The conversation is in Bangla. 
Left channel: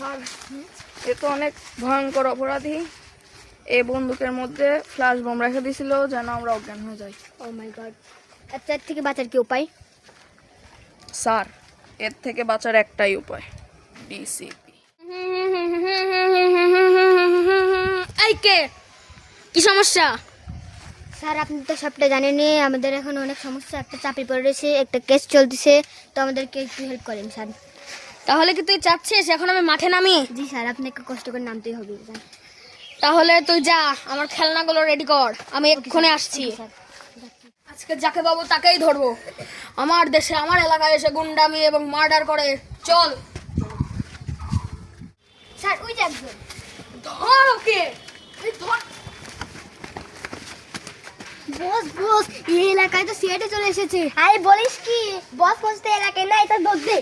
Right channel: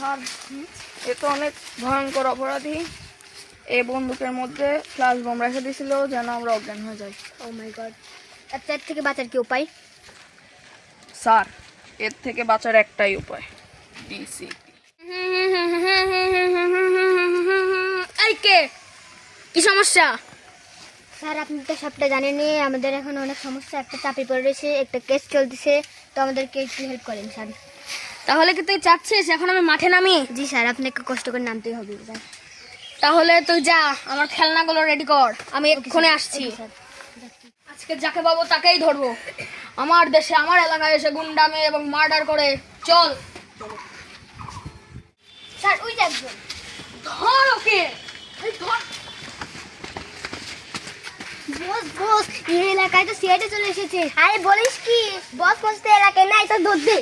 স্যার, এ তো অনেক ভয়ঙ্কর অপরাধী। এই বন্দুকের মধ্যে ফ্ল্যাশ বোম রেখে দিয়েছিল যেন আমরা অজ্ঞান হয়ে যাই। ও মাই গড। এর থেকে বাঁচার কি উপায়? স্যার, এর থেকে বাঁচার একটাই উপায়, ডিসিপি। এই কে? কি সমস্যা? স্যার আপনি তো সবটা জানেনই, আমাদের এখন অনেক সমস্যা, একটা চাপে পড়ে রয়েছে, একটা কেস চলতেছে, তো আমাদেরকে একটু হেল্প করেন স্যার। তাহলে কি তুই চাচ্ছিস এখন আমি মাঠে নামি? জি স্যার, আপনাকে কষ্ট করে নামতেই হবে স্যার। তাহলে তুই যা, আমার খেলনাগুলো রেডি কর, আমি এক্ষুনি আসছি। স্যার আজকে যাকে পাবো তাকেই ধরবো। আমার দেশে আমার এলাকায় এসে গুন্ডামি এবং মার্ডার করে। চল স্যার ওই যে একজন। ধর ওকে। এই ধর। বস বস, এই এলাকায় তো সিআইডি চলে এসেছে। আরে বলিস কি, বস বস তো এলাকায় নাই, তো দৌড় দে।